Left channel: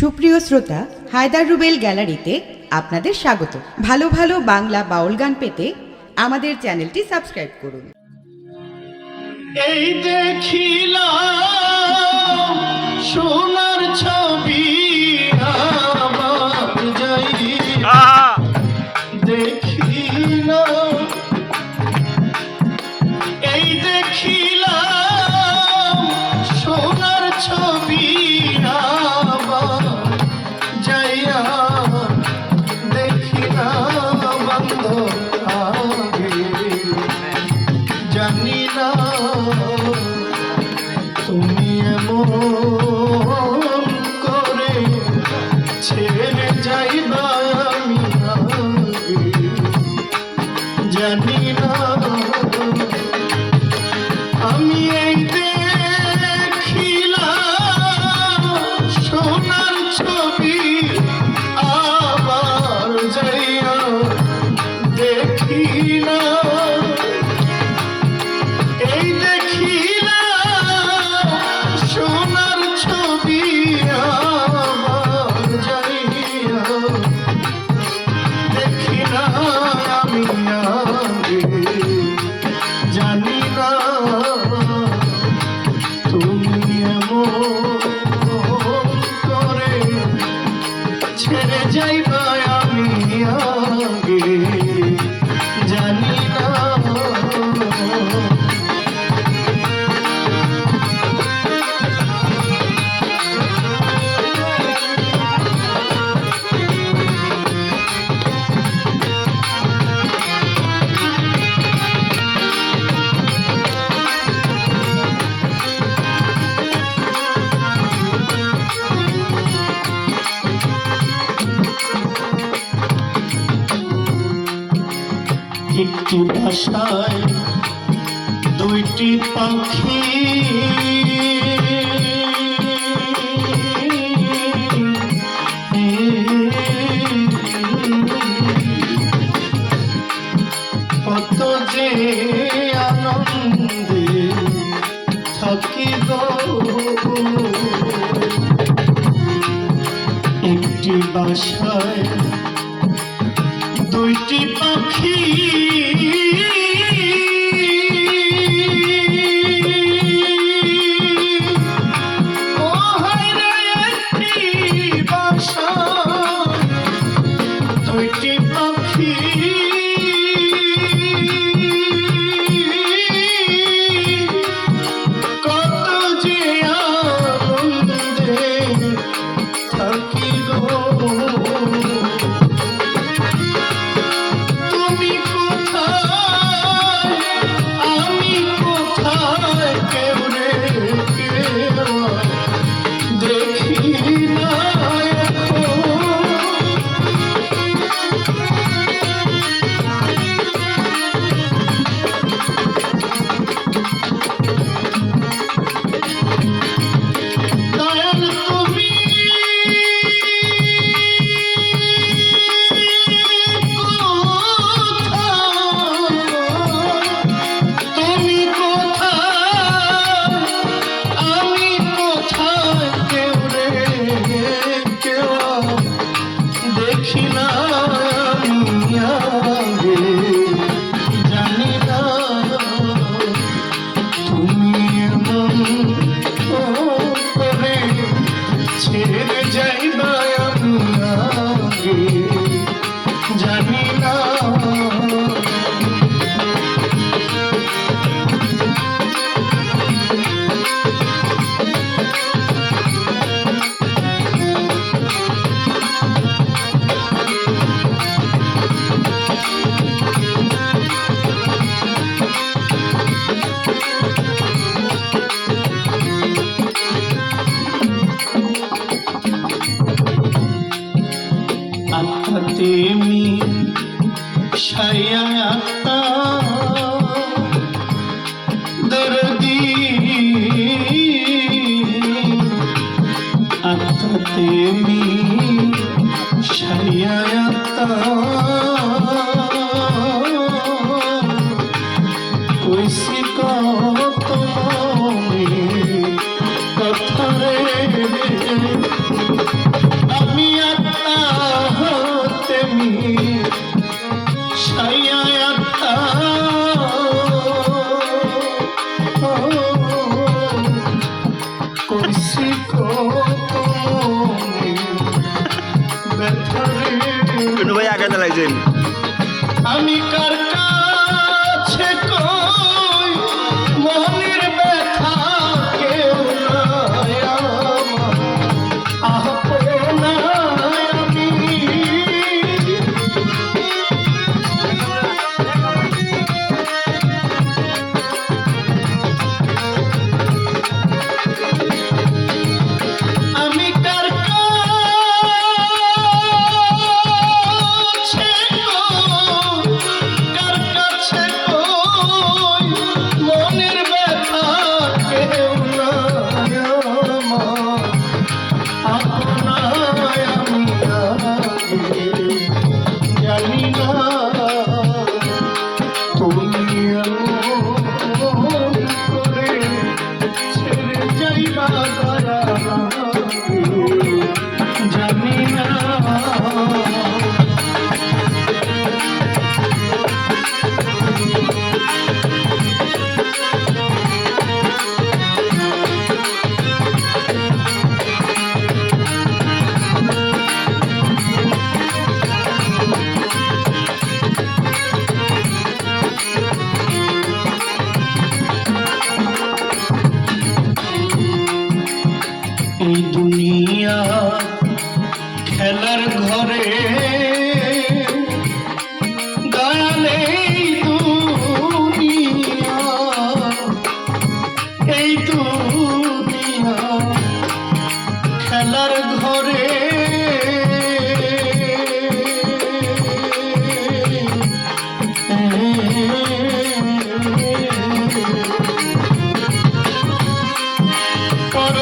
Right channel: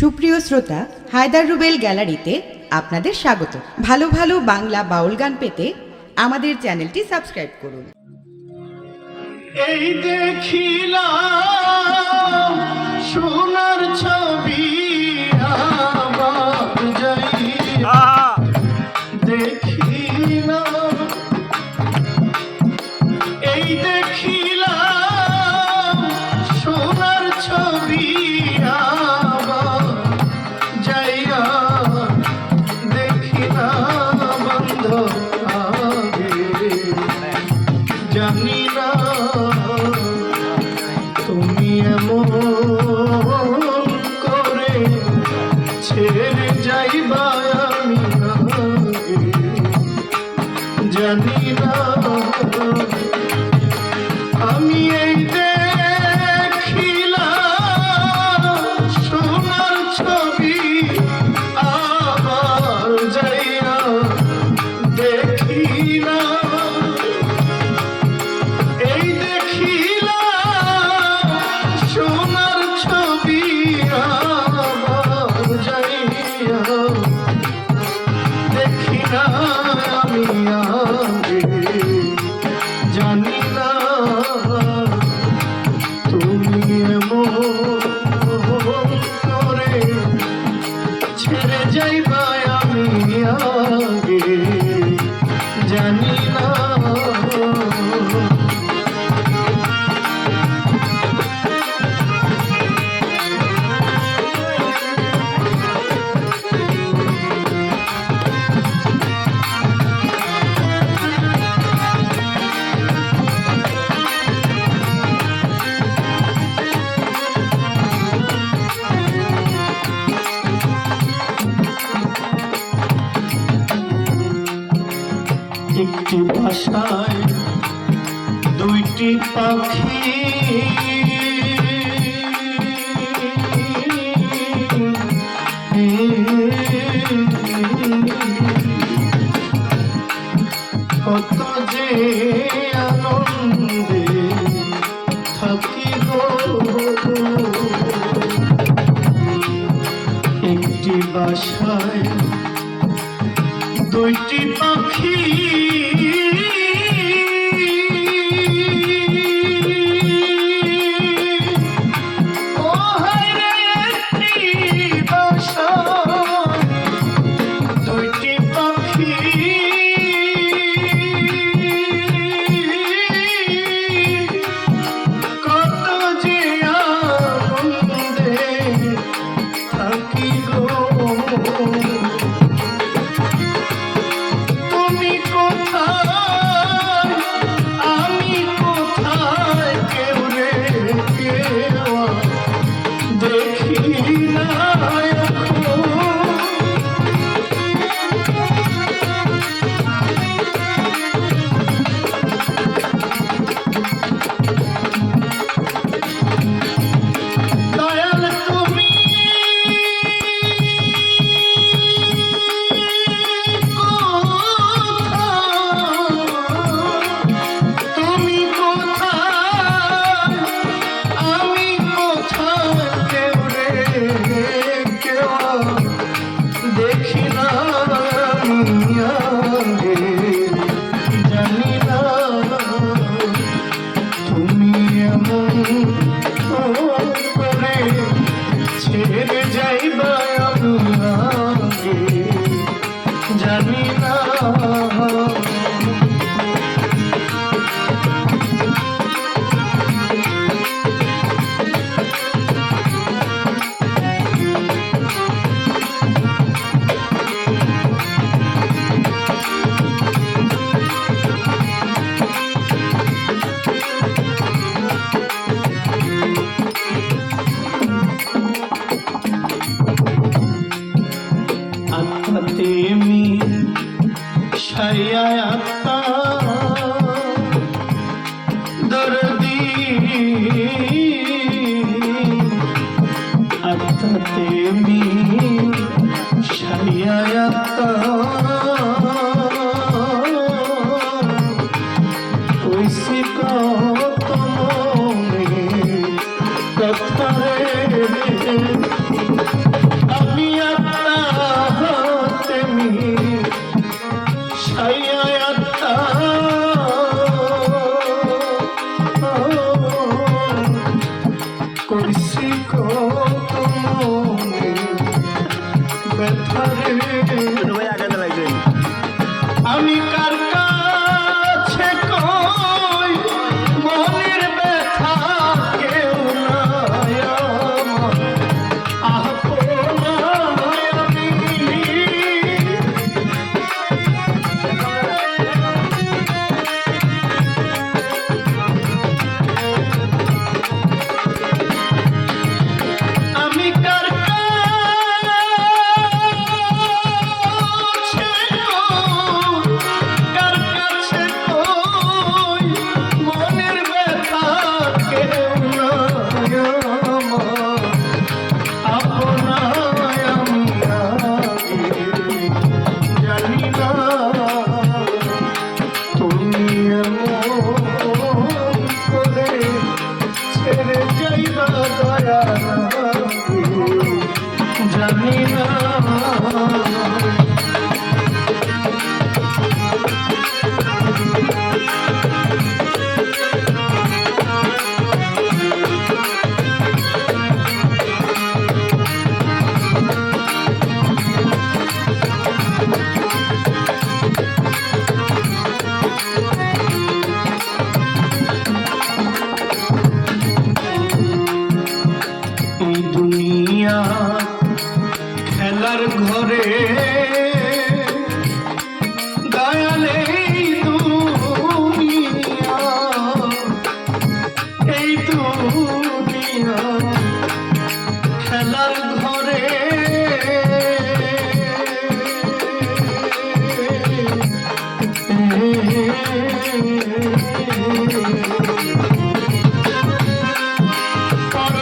সুপ্রিয় শ্রোতা, হায়দার রুবেল গ্যালারিতে আপনাদের স্বাগত। ভালো ভালো বাংলা বাউল গান পেতে আমাদের চ্যানেলটি সাবস্ক্রাইব করুন। এই দেখিলাম সোনার ছবি আমার যাইয়া দেখিলাম, এই দেখিলাম সোনার ছবি আমার যাইয়া দেখিলাম বন্ধ আগে জানি না তুমি এমন করে ছেড়ে যাইবা আমি আগে জানি না। আমি এই দেখিলাম সোনার ছবি আমার যাইয়া দেখিলাম, এই দেখিলাম সোনার ছবি আমার যাইয়া দেখিলাম আমি আগে জানি না তুমি এমন করে ছেড়ে যাইবা আমি আগে জানি না। একটি ভাষায় দুইটি পাখি কত যে আনন্দে থাকি গো, একটি ভাষায় দুইটি পাখি দুইটি পাখি কত যে আনন্দে থাকি গো, তুমি কোথায় আমি কোথায় কেউ রে কেউ দেখি না এখন। দয়াল তুমি তুমি কোথায় আমি কোথায় কেউ রে কেউ দেখি না আমি আগে জানি না তুমি এমন করে ছেড়ে যাইবা আমি আগে জানি না। আত্মাতে আমি সাইয়া আত্মা দরদি, আত্মাতে আমি সাইয়া আত্মা কইছি কত মনে কথা রে খেলার ঘরে দয়ালে এই দুনিয়া খেলার ঘরে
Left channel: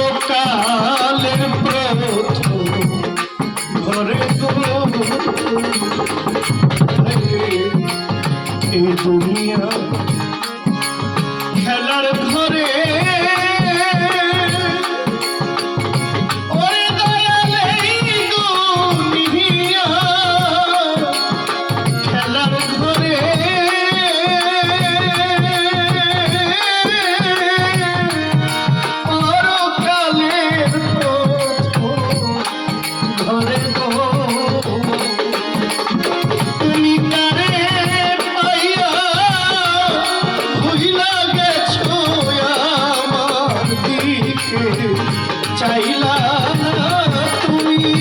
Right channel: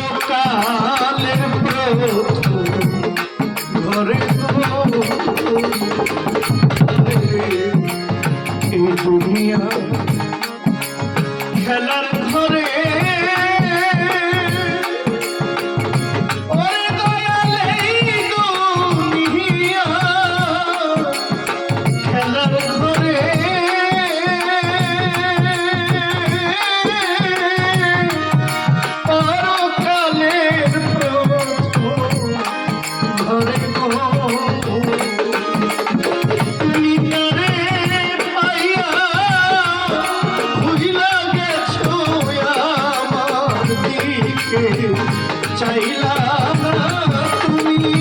পরকালের প্রথম ঘরে এই দুনিয়া খেলার ঘরে ওরে দয়ালে দুনিয়া খেলার ঘরে পরকালের প্রথম ঘরে তুমি কারে পাইয়া ভুইলা গেছো আমার দিকে চাইলা না তুমি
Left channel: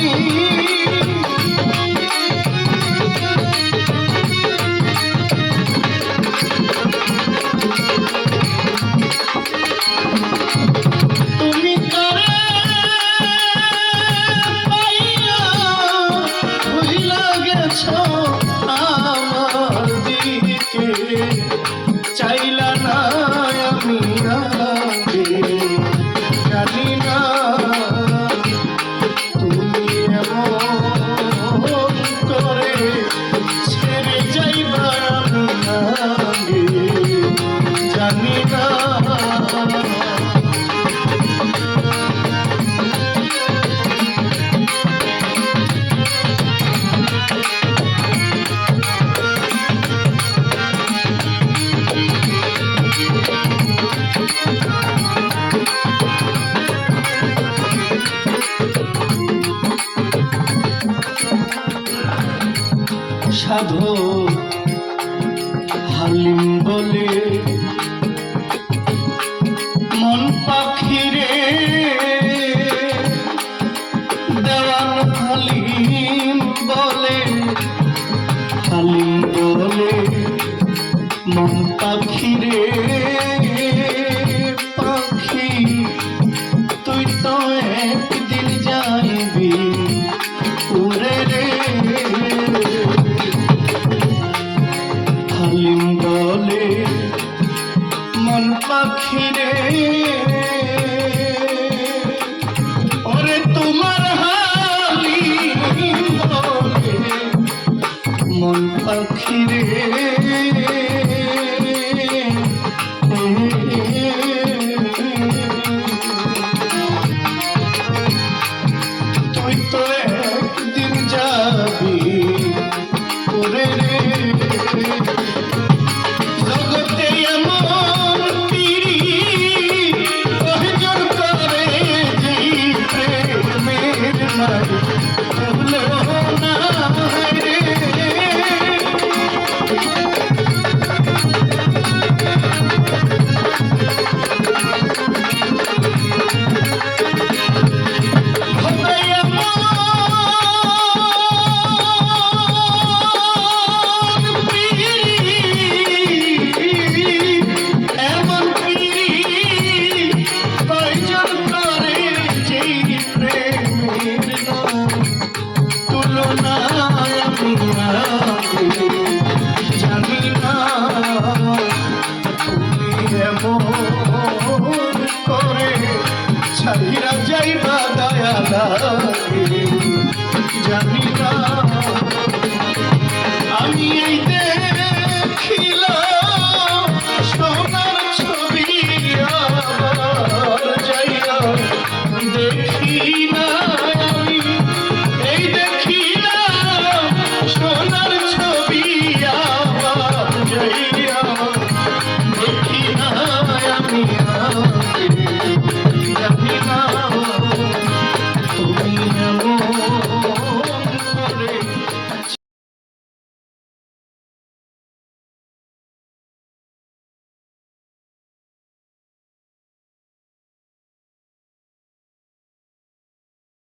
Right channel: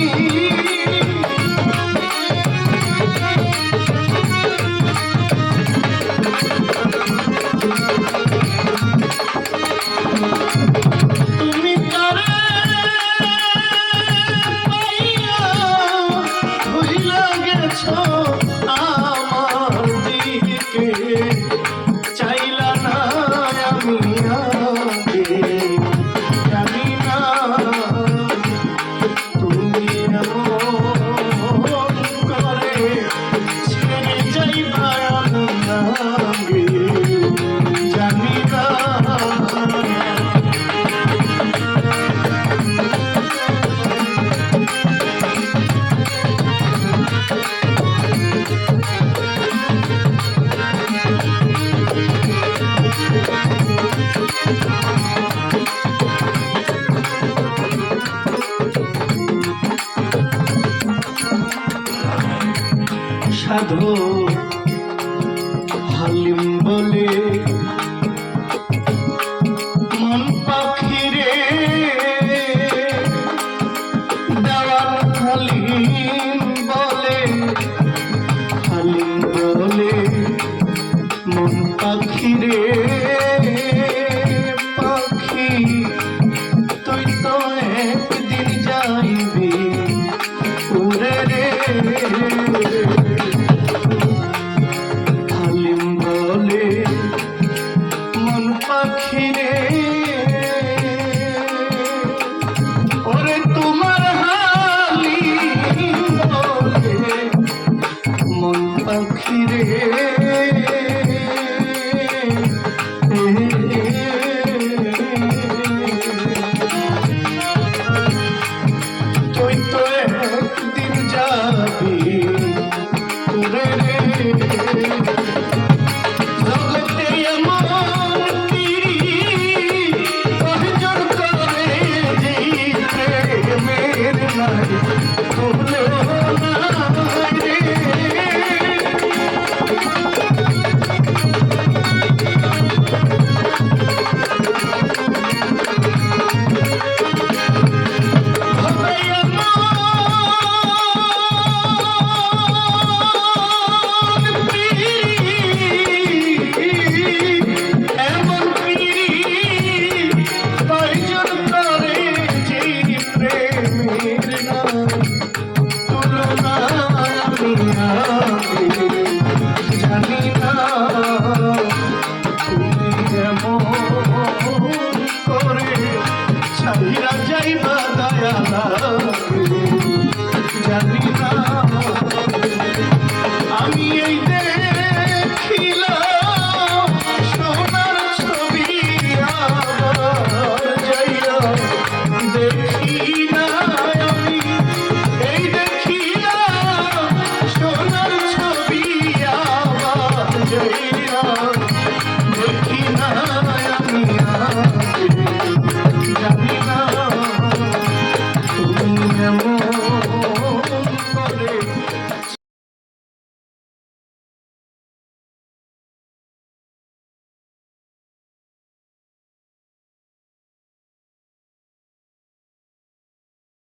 তুমি কারে পাইয়া ভুইলা গেছো আমার দিকে চাইলা না আমি আগে জানি না তুমি এমন করে ছেড়ে যাইবা আগে জানি না সাধু হালিম বলে মন পাখিরে দয়াল হালিম বলে মন পাখিরে পাখি তুই তো একদিন যাইবি উড়ে রে হালিম বলে মন পাখিরে ওরে তোমার হালিম বলে মন পাখিরে তুই তো একদিন যাবি উড়ে রে জগতে এমন পিরি প্রয়োজন করে যে প্রেমের নাই